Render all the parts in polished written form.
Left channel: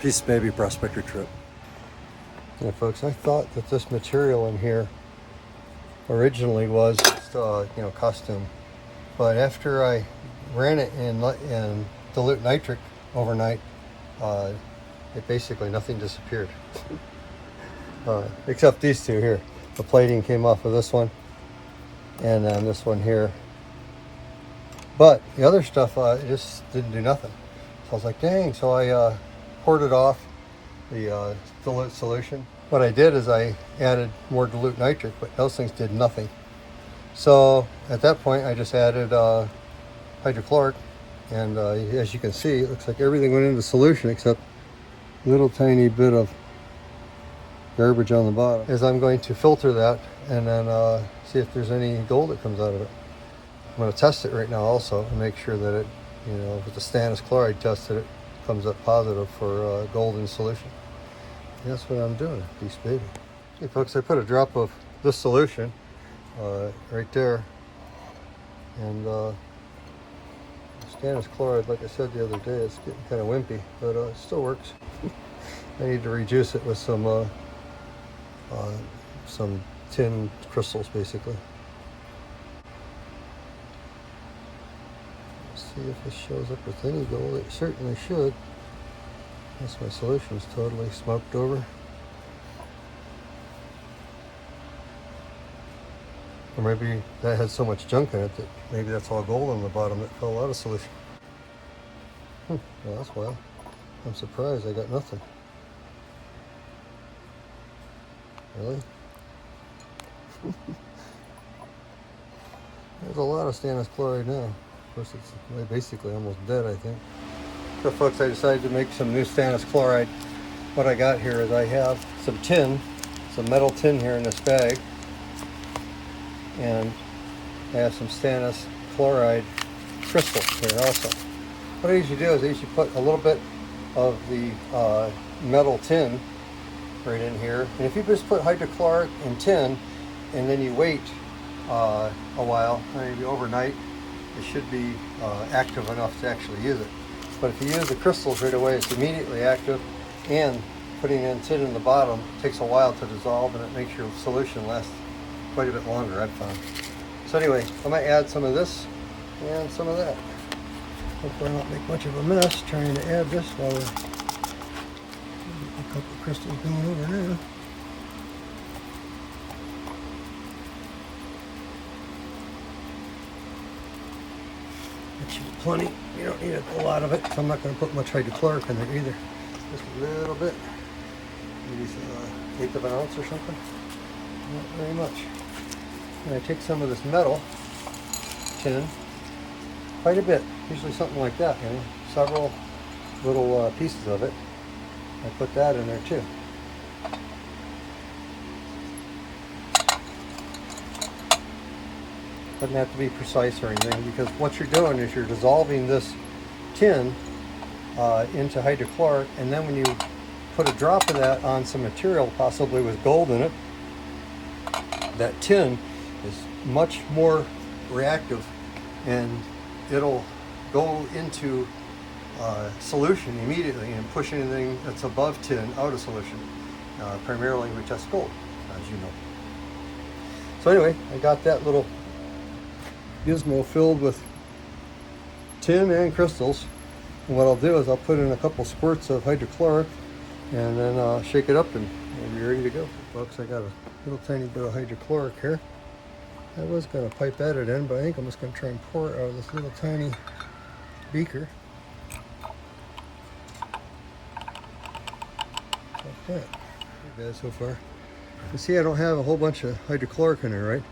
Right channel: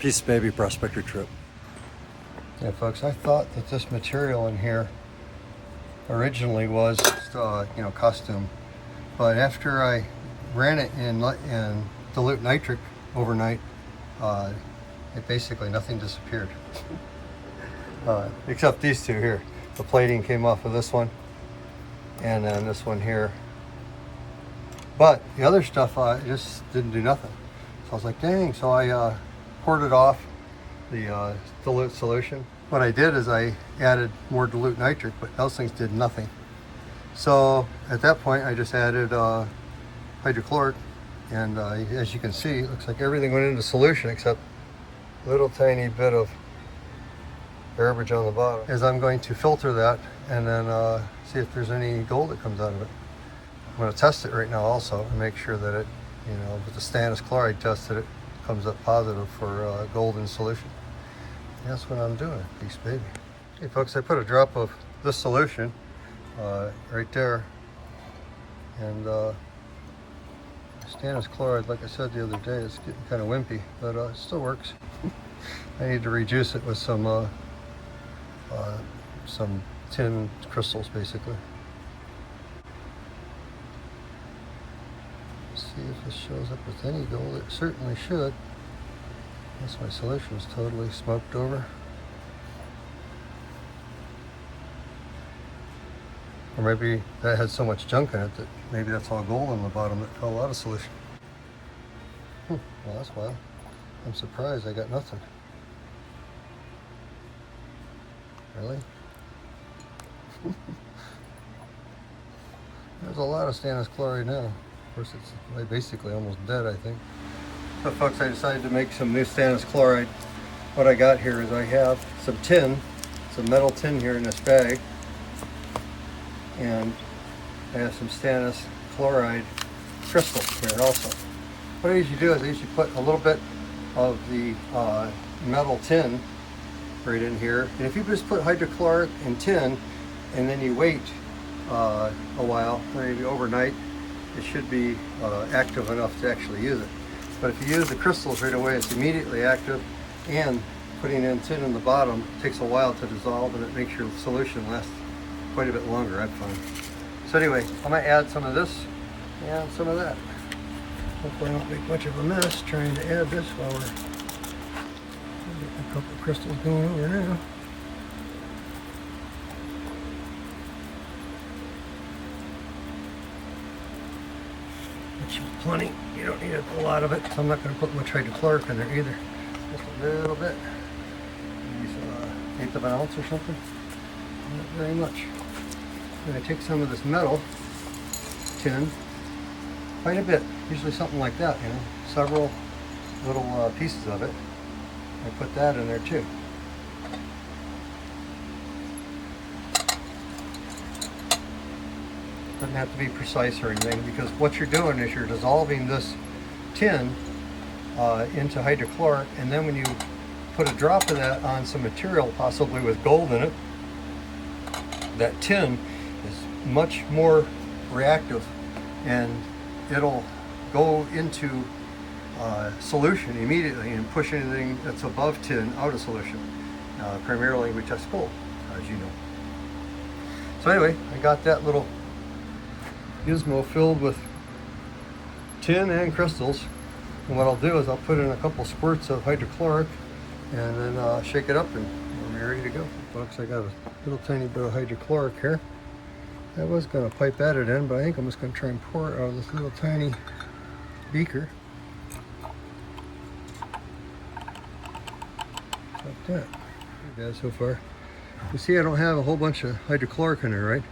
Peace baby Prospector Tripp. Yeah, folks, I thought that this material in here originally was costume, but after I ran it in dilute nitric overnight, basically nothing disappeared. Except these two here. The plating came off of this one, and then this one here. But the other stuff just didn't do nothing. So I was like, dang. So I poured it off the dilute solution. What I did is I added more dilute nitric, but those things did nothing. So at that point, I just added hydrochloric, and as you can see, it looks like everything went into solution except a little tiny bit of garbage on the bottom. Is I'm going to filter that and then see if there's any gold that comes out of it. I'm going to test it right now also to make sure that it, with the stannous chloride tested, it comes up positive for gold in solution. And that's what I'm doing, beast baby. Okay, folks, I put a drop of this solution right there, and stannous chloride, like I said the other day, it's getting kind of wimpy, but it still works. I need to reduce it with some tin crystals, basically. See if this shows up with any gold. It certainly should. Yes, my solution is totally smoked over. Or maybe that had so much junk in it that maybe that's all gold on the bottom that fell out of solution. Well, that's wild. I'm surprised I got nothing. Really? There's a lot of stannous chloride now. Of course, it's basically almost dead, I think. But folks, I decided to make some new stannous chloride. What I got here is I have some tin, some metal tin here in this bag, and I have some stannous chloride crystals here also. What I usually do is I usually put a little bit of the metal tin right in here, and if you just put hydrochloric and tin and then you wait a while, maybe overnight, it should be active enough to actually use it. But if you use the crystals right away, it's immediately active, and putting in tin in the bottom takes a while to dissolve, and it makes your solution last quite a bit longer, I've found. So anyway, I'm going to add some of this and some of that. Hopefully I don't make much of a mess trying to add this while we're getting a couple of crystals going here now. That should be plenty. You don't need a lot of it. So I'm not going to put much hydrochloric in there either. Just a little bit. Maybe some eighth of an ounce or something. Not very much. I'm going to take some of this metal tin, quite a bit, usually something like that, several little pieces of it. I put that in there too. Doesn't have to be precise or anything, because what you're doing is you're dissolving this tin into hydrochloric, and then when you put a drop of that on some material, possibly with gold in it, that tin is much more reactive, and it'll go into solution immediately and push anything that's above tin out of solution. Primarily we test gold, as you know. So anyway, I got that little gizmo filled with tin and crystals, and what I'll do is I'll put in a couple squirts of hydrochloric, and then I'll shake it up and be ready to go. Folks, I got a little tiny bit of hydrochloric here. I was going to pipe that in, but I think I'm just going to try and pour it out of this little tiny beaker. Like that. Hey guys, so far. You see I don't have a whole bunch of hydrochloric in there, right?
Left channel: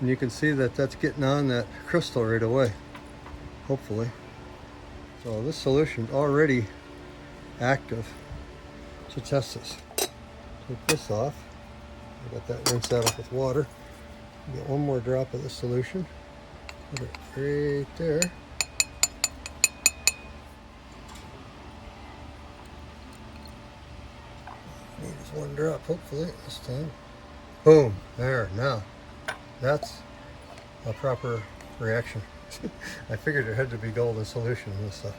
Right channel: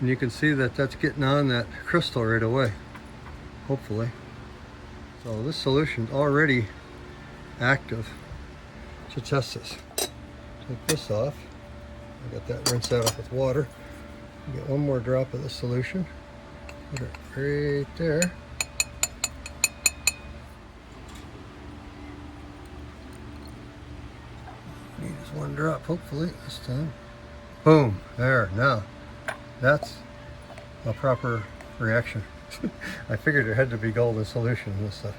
And you can see that that's getting on that crystal right away, hopefully. So this solution's already active. So test this. Take this off. I got that, rinse that off with water. Get one more drop of the solution. Put it right there. Need just one drop, hopefully, this time. Boom, there, now. That's a proper reaction. I figured it had to be gold in solution and this stuff.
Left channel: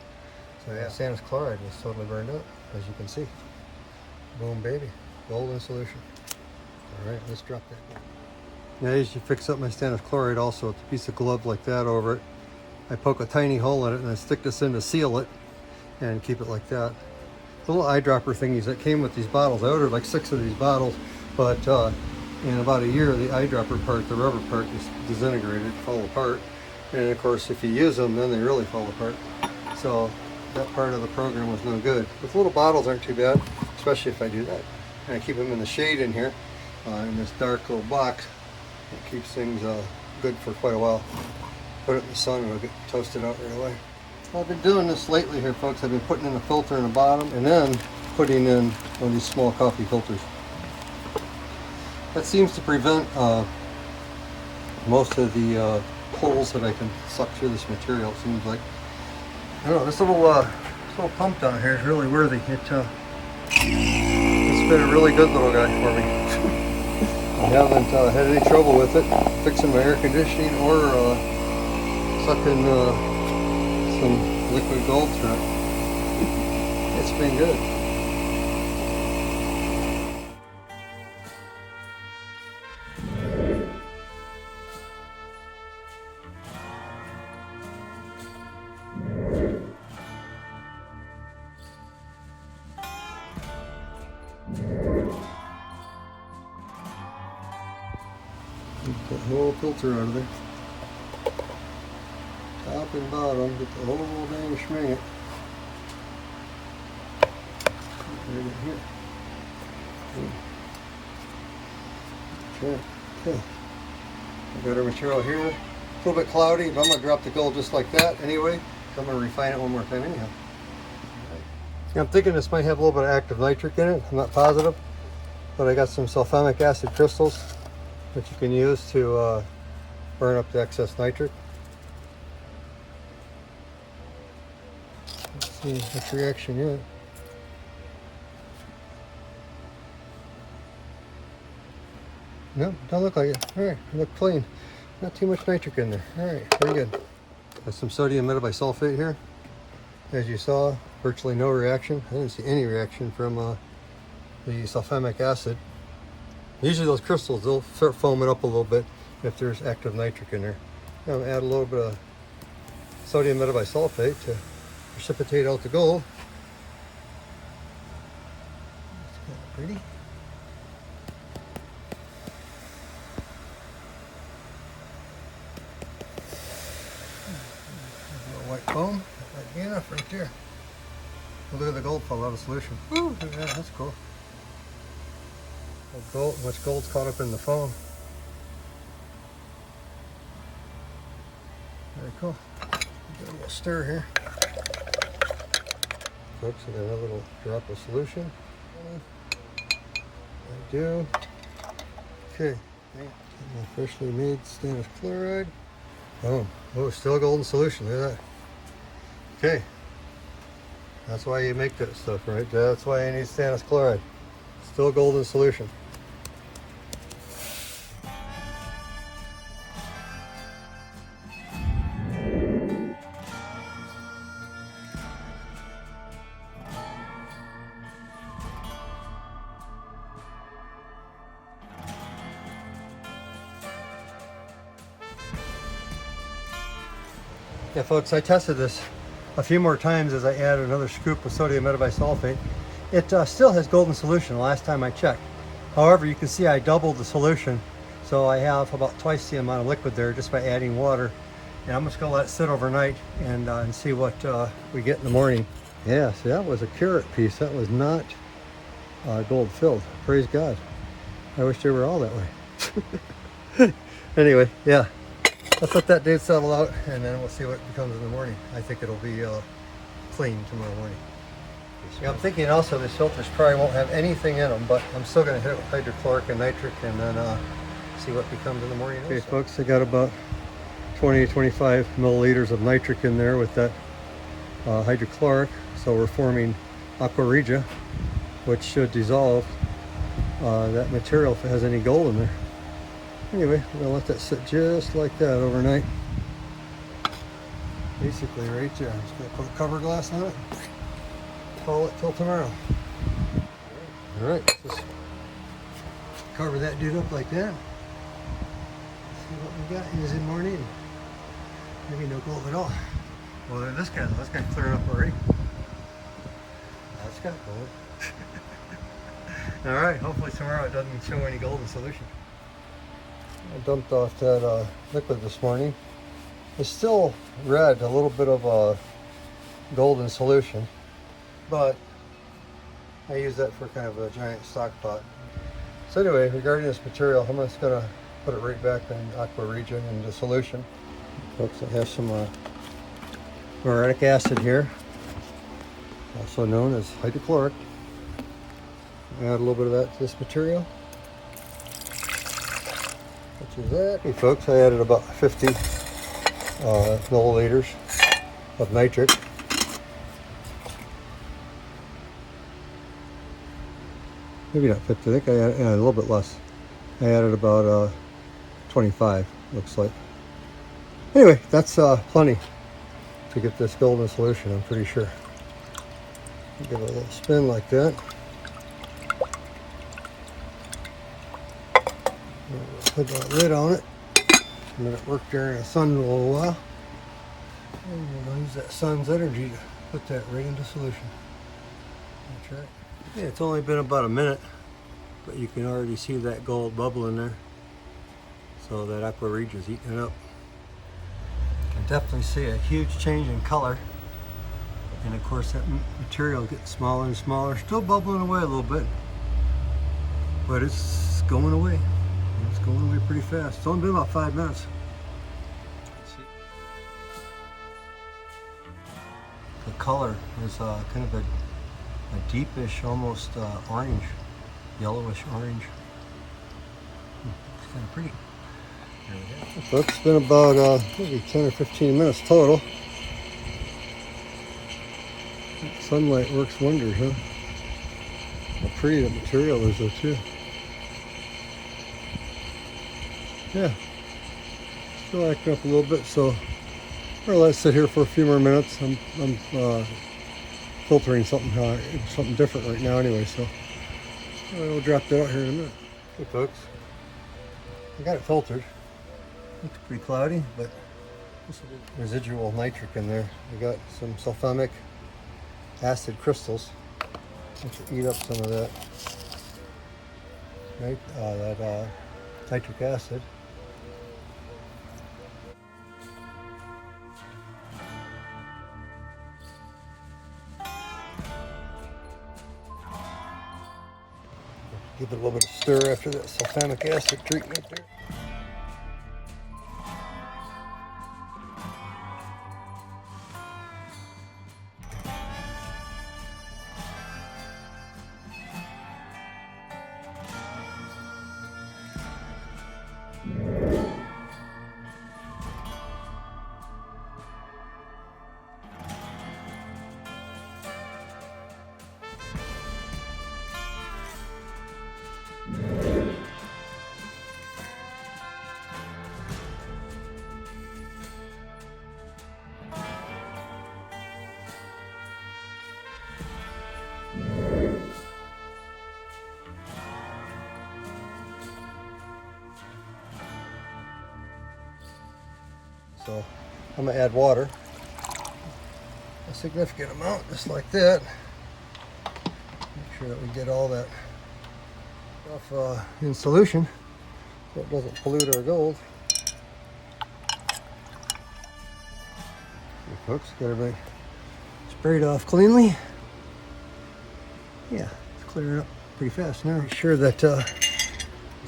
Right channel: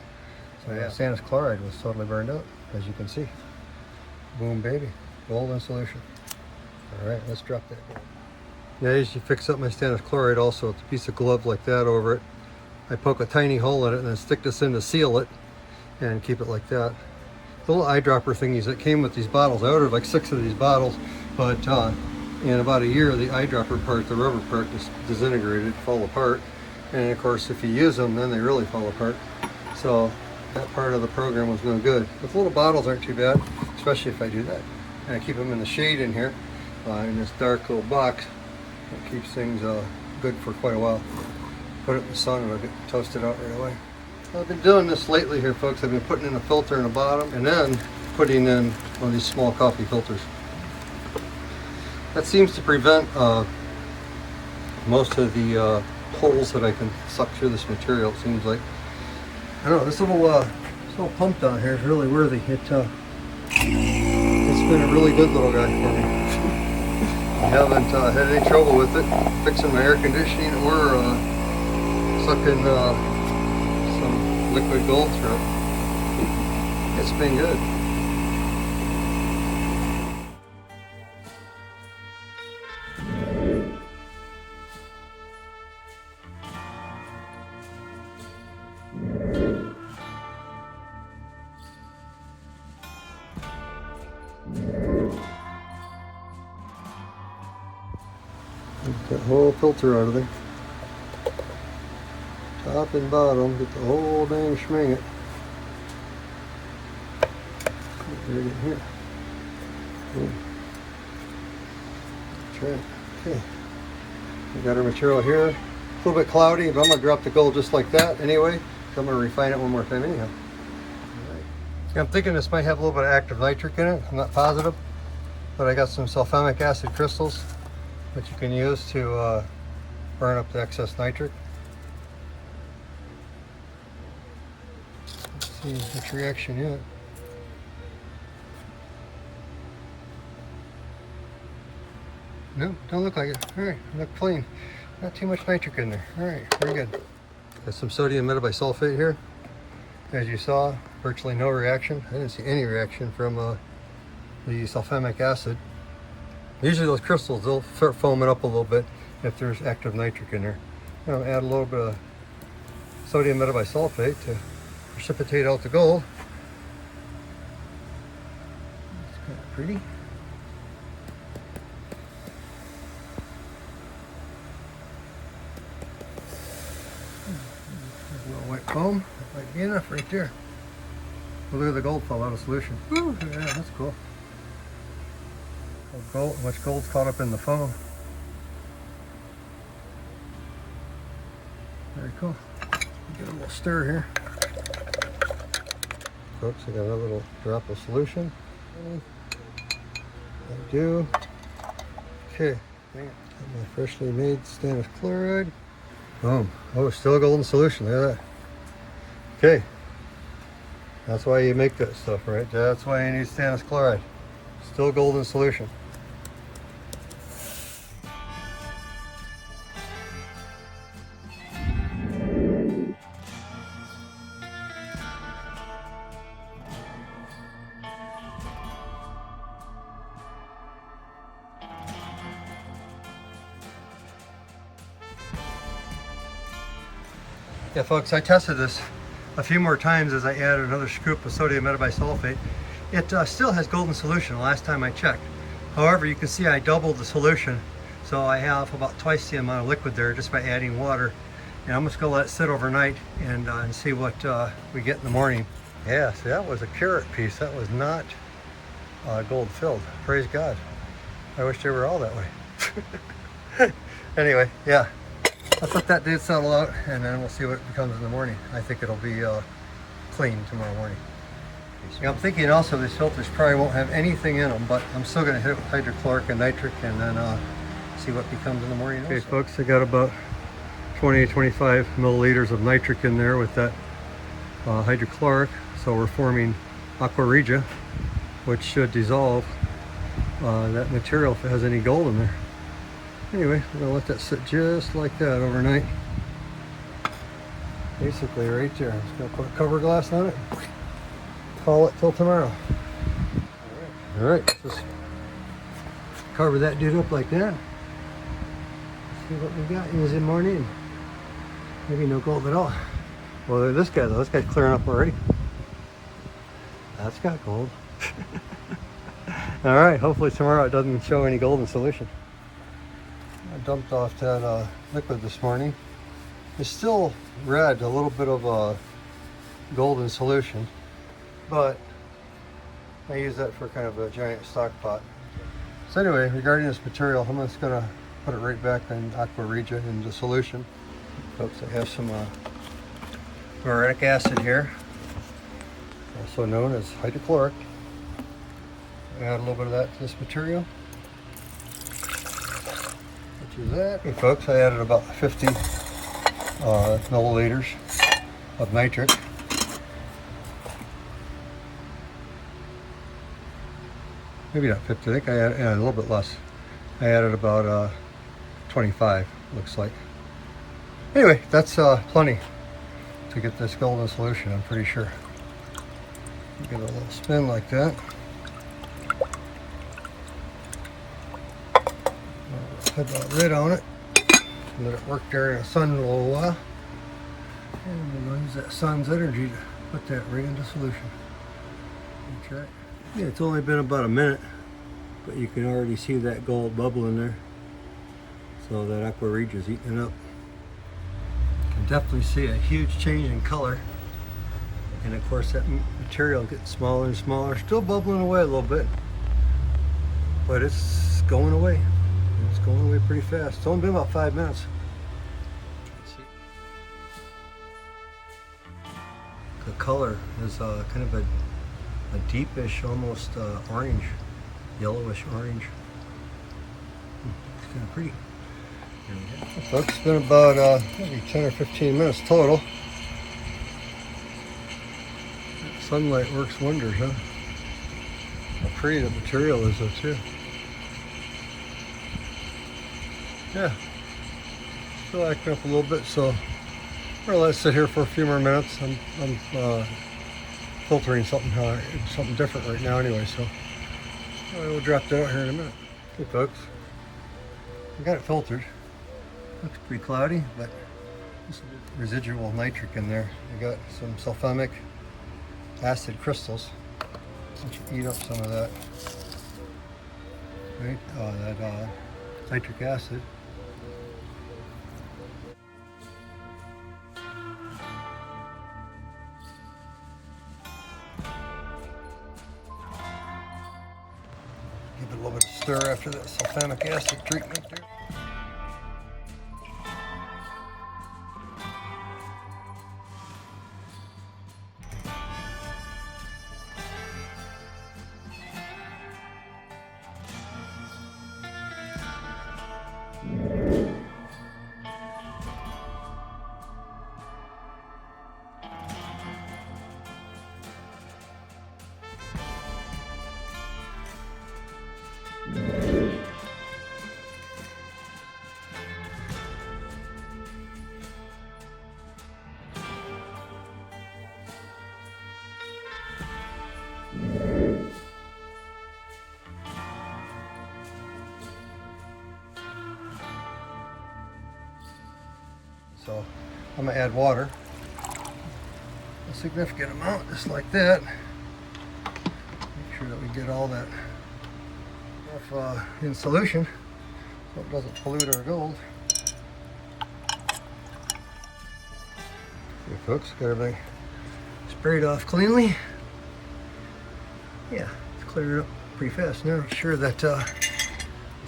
So yeah, stannous chloride was totally burned out. as you can see. Boom, baby, gold in solution. All right, let's drop that gold. Now, as you fix up my stannous chloride also with a piece of glove like that over it, I poke a tiny hole in it and then stick this in to seal it and keep it like that. The little eyedropper thingies that came with these bottles, I ordered like 6 of these bottles, but in about a year the eyedropper part, the rubber part, just disintegrated, fall apart. And of course if you use them, then they really fall apart. So that part of the program was no good. But the little bottles aren't too bad, especially if I do that. And I keep them in the shade in here, in this dark little box. It keeps things good for quite a while. Put it in the sun and it'll get toasted out right away. I've been doing this lately here, folks. I've been putting in a filter in the bottom and then putting in one of these small coffee filters. That seems to prevent most of the holes that I can suck through this material, it seems like. I don't know, this little pump down here is really worthy. It's been a really good little guy for me. I haven't had any trouble with it fixing my air conditioning or sucking some liquid gold through it. It's been good. Get that whole filter out of there. Top and bottom, get the whole dang schming. Right in here. Try it. Okay. I got our material here. A little bit cloudy, but I'm going to drop the gold just like that anyway. So I'm going to refine it one more time anyhow. All right. I'm thinking this might have a little bit of active nitric in it. I'm not positive. But I got some sulfamic acid crystals that you can use to burn up the excess nitric. Let's see which reaction yet. No, don't look like it. Alright, look clean. Not too much nitric in there. Alright, very good. There's some sodium metabisulfate here. As you saw, virtually no reaction. I didn't see any reaction from the sulfamic acid. Usually those crystals, they'll start foaming up a little bit if there's active nitric in there. I'm going to add a little bit of sodium metabisulfate to precipitate out the gold. It's kind of pretty. A little white foam, that might be enough right there. Well, look at the gold fall out of solution. Woo, yeah, that's cool. Much gold's caught up in the foam. Very cool. Give it a little stir here. Folks, I got another little drop of solution. I do. Okay. My freshly made stannous chloride. Boom. Oh, still golden solution. Look at that. Okay. That's why you make that stuff, right? That's why you need stannous chloride. Still golden solution. Yeah, folks, I tested this a few more times as I added another scoop of sodium metabisulfate. It still has golden solution the last time I checked. However, you can see I doubled the solution, so I have about twice the amount of liquid there just by adding water. And I'm just going to let it sit overnight and see what we get in the morning. Yeah, see, that was a Karat piece. That was not gold filled. Praise God. I wish they were all that way. Anyway, yeah. Let's let that dude settle out and then we'll see what it becomes in the morning. I think it'll be clean tomorrow morning. Yeah, I'm thinking also these filters probably won't have anything in them, but I'm still going to hit it with hydrochloric and nitric and then see what becomes in the morning. Okay, also. Folks, I got about 20 to 25 milliliters of nitric in there with that hydrochloric. So we're forming aqua regia, which should dissolve that material if it has any gold in there. Anyway, we're going to let that sit just like that overnight. Basically right there. I'm just going to put a cover glass on it. call it till tomorrow. All right, just cover that dude up like that. See what we got using morning. Maybe no gold at all. Well, this guy though, this guy's clearing up already. That's got gold. All right, hopefully tomorrow it doesn't show any gold in solution. I dumped off that liquid this morning. It's still red, a little bit of gold in solution, but I use that for kind of a giant stock pot. So anyway, regarding this material, I'm just gonna put it right back in aqua regia into solution. Folks, I have some chloric acid here, also known as hydrochloric. Add a little bit of that to this material. Which is that. Hey folks, I added about 50 milliliters of nitric. Maybe not 50, I think I added a little bit less. I added about 25, looks like. Anyway, that's plenty to get this gold in solution, I'm pretty sure. Give it a little spin like that. Put the lid on it. Let it work there in the sun a little while. And we'll use that sun's energy to put that right into solution. That's right. Yeah, it's only been about a minute, but you can already see that gold bubbling there. So that aqua regia is eating it up. You can definitely see a huge change in color. And of course that material gets smaller and smaller, still bubbling away a little bit. But it's going away. It's going away pretty fast. It's only been about 5 minutes. The color is kind of a deepish, almost orange, yellowish orange. It's kind of pretty. So it's been about maybe 10 or 15 minutes total. Sunlight works wonders, huh? How pretty the material is though too. Yeah, still acting up a little bit, so I'll let it sit here for a few more minutes. I'm filtering something different right now anyway, so we'll drop that out here in a minute. Okay folks, I got it filtered. Looks pretty cloudy, but there's some residual nitric in there. I got some sulfamic acid crystals. Let's eat up some of that. Right, that nitric acid. Give it a little bit of stir after that sulfamic acid treatment there. So I'm gonna add water, a significant amount, just like that. Make sure that we get all that off in solution so it doesn't pollute our gold. Here folks, got everything sprayed off cleanly. Yeah, it's clearing up pretty fast now. Make sure that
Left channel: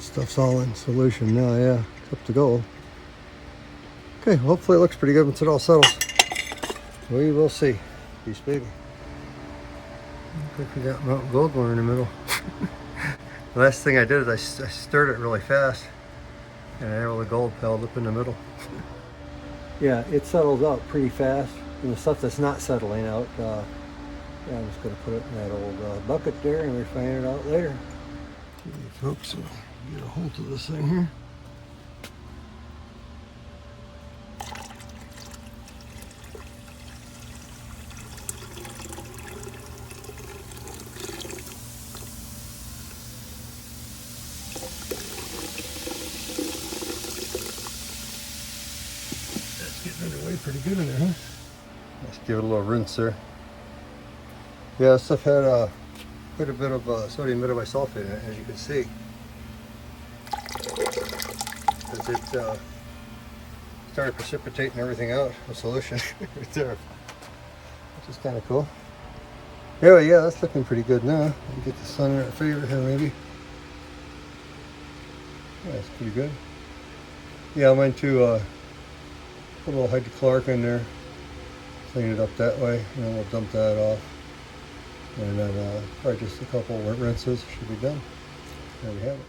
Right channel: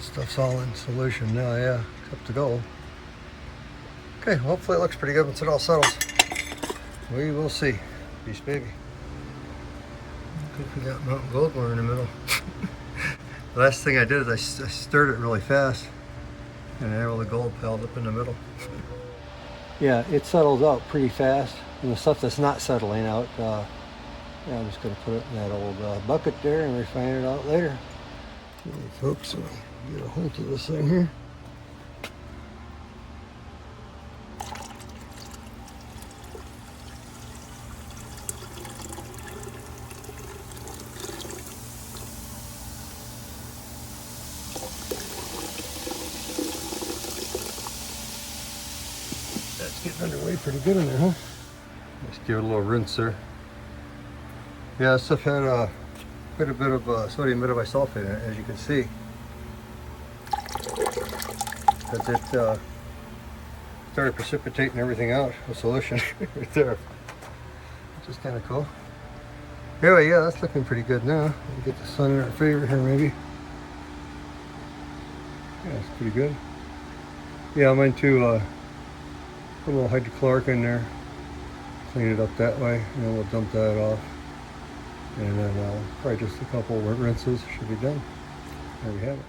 stuff's all in solution now, yeah, except the gold. Okay, hopefully it looks pretty good once it all settles. We will see. Peace, baby. I forgot mountain gold one in the middle. The last thing I did is I stirred it really fast, and all the gold piled up in the middle. Yeah, it settles out pretty fast. And the stuff that's not settling out, I'm just going to put it in that old bucket there and refine it out later. Okay, folks, so get a hold of this thing here. pretty good in there, huh? Let's give it a little rinse there. Yeah, this stuff had quite a bit of sodium metabisulfate in it, as you can see. Because it started precipitating everything out, the solution right there. Which is kind of cool. Anyway, yeah, that's looking pretty good now. Get the sun in our favor here, maybe. Yeah, it's pretty good. Yeah, I might to put a little hydrochloric in there, clean it up that way, and then we'll dump that off. And then probably just a couple rinses should be done. There we have it.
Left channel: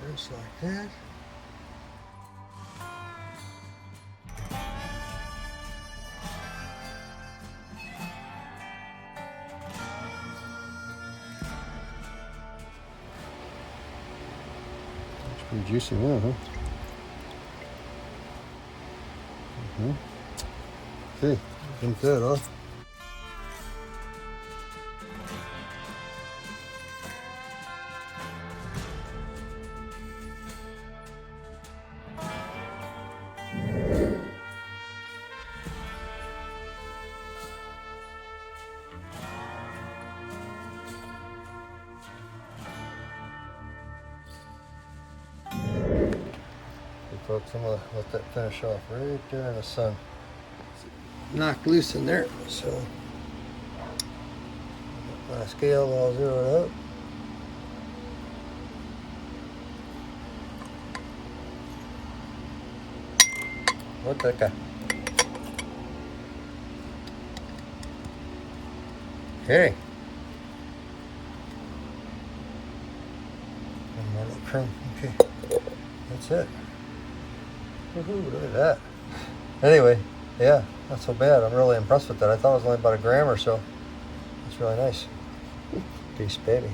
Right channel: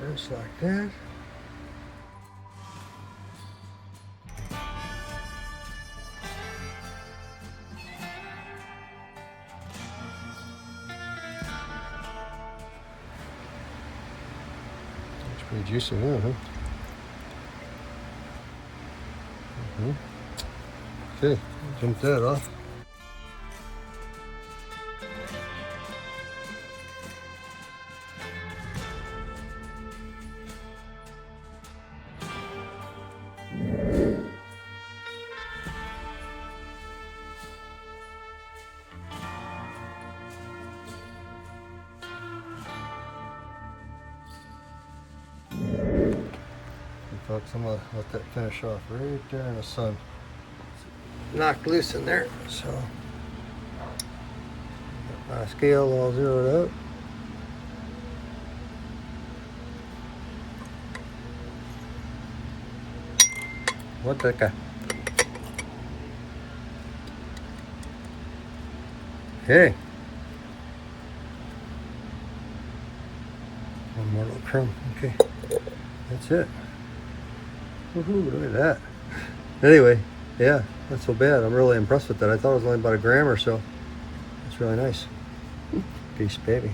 Rinse like that. It's pretty juicy now, huh? Okay, dump that off. Folks, I'm gonna let that finish off right there in the sun. Knocked loose in there, so got my scale all zeroed up. What the guy? Okay. One more little crumb. Okay, that's it. Woohoo, look at that. Anyway, yeah, not so bad. I'm really impressed with that. I thought it was only about a gram or so. It's really nice. Peace, baby.